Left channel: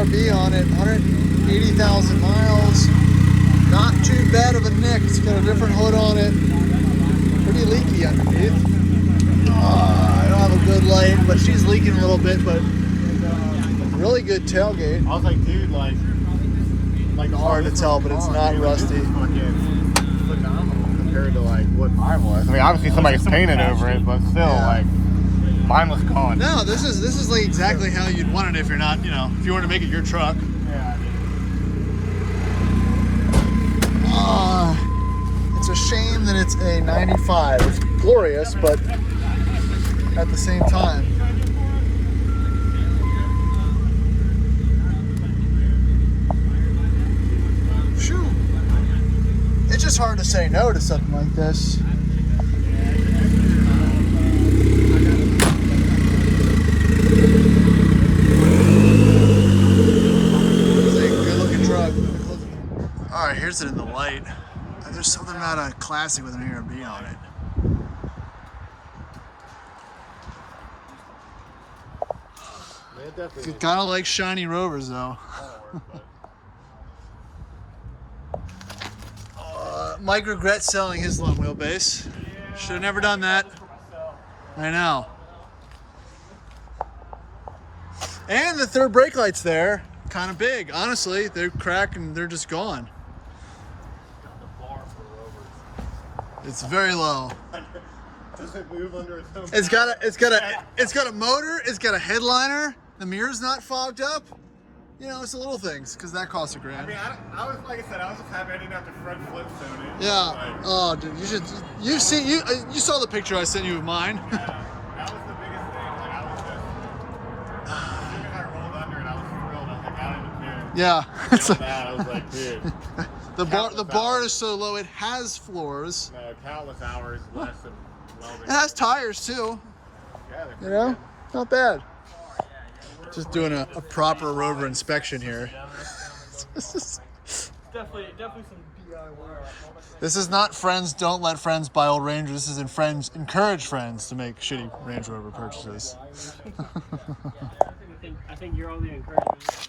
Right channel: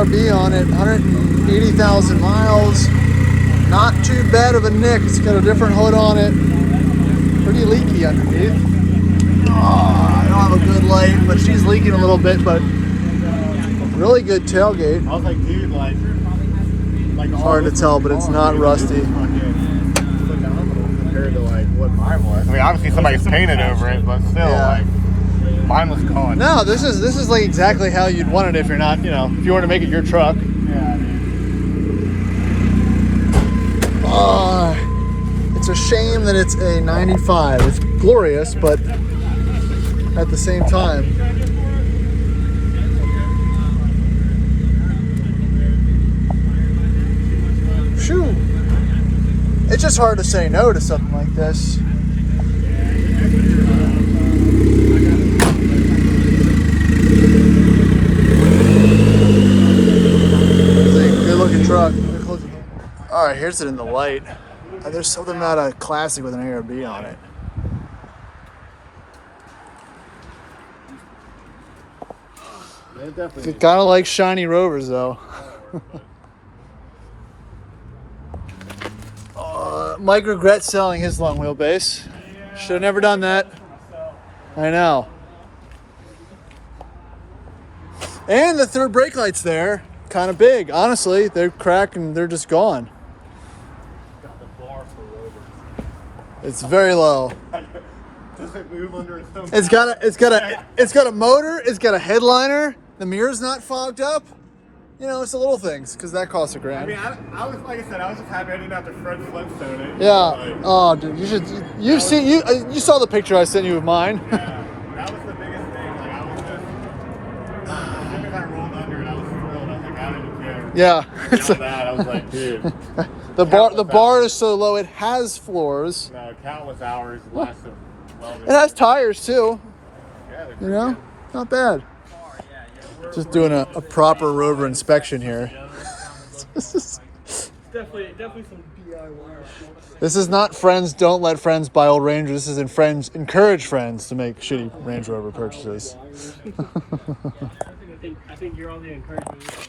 ARB on it, 180,000 miles. Not too bad of a nick. It's got a different hood on it. Pretty leaky underneath. Oh, I don't have a good light, but she's leaking a little bit, but really good tailgate. I was like, dude, like hard to tell, but it's not rusty. Phenomenal compared to like what mine was. I mean, obviously somebody's painted over it, but still, like mine was gone. No, this is like exactly how you'd want it if you're not, you know, if you were to make it your truck. Yeah. It's a shame that it's a 95. It's glorious, but at the same time, shoot, it's just hard to say no to something like this. It's a good looking truck. All right, here's it in the light. There's something about a classic with an ARB on it. You gotta like shiny Rovers though. Mike regrets selling his long wheelbase. Should have never done that. I know. And the third brake light's there. Kind of big. Honestly, they're cracked and they're just gone. It's very low. It's got a motor. It's got a headliner. The mirror's not fogged up. You know, it's the little things because that costs $1,000. I mean, I was like I said, I was just happy I didn't have to front Flintstone it. Yeah. Oh, dude, you saw the picture I sent you of mine. Yeah, that was the biggest thing. Like I was just, as soon as I rolled under it, I was thrilled. I was like, I didn't care. Yeah. Beyond that, I was like, dude. The bar is so low. It has floors. No, countless hours lasted. It has tires too. Yeah, You know, not bad. Just doing a proper Rover inspection here. Definitely some DIY. This is not friends don't let friends buy old Rangers. This is friends encourage friends to make shitty Range Rover purchases. I think you're on the encouragement.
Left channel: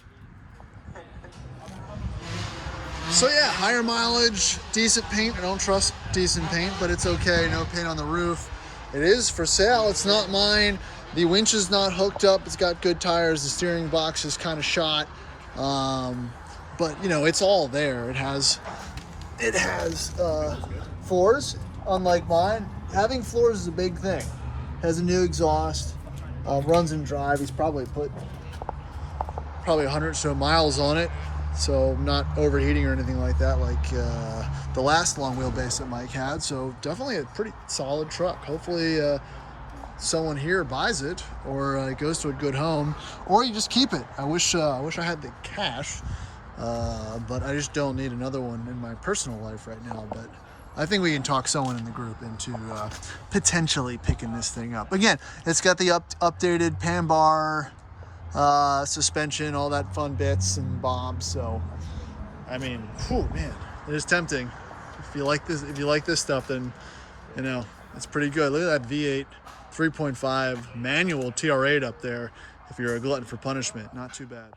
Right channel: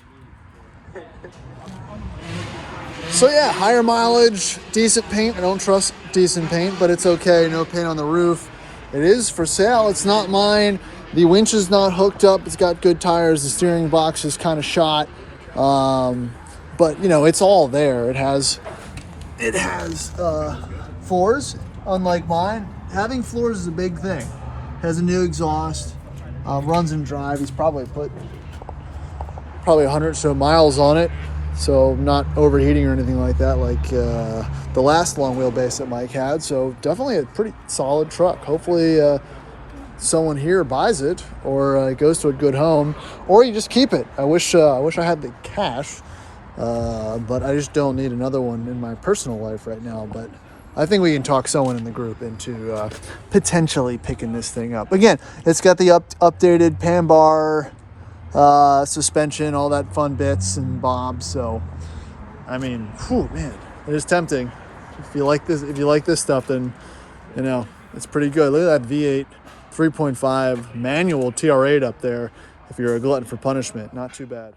So yeah, higher mileage, decent paint. I don't trust decent paint, but it's okay. No paint on the roof. It is for sale. It's not mine. The winch is not hooked up. It's got good tires. The steering box is kind of shot. But you know, it's all there. It has floors, unlike mine. Having floors is a big thing. Has a new exhaust, runs and drive. He's probably put 100 or so miles on it. So not overheating or anything like that, like the last long wheelbase that Mike had. So definitely a pretty solid truck. Hopefully someone here buys it or it goes to a good home, or you just keep it. I wish I had the cash, but I just don't need another one in my personal life right now. But I think we can talk someone in the group into potentially picking this thing up. Again, it's got the updated pan bar, suspension, all that fun bits and bobs. So I mean, whew, man, it is tempting. If you like this stuff, then you know it's pretty good. Look at that V8 3.5 manual TR8 up there. If you're a glutton for punishment, not too bad.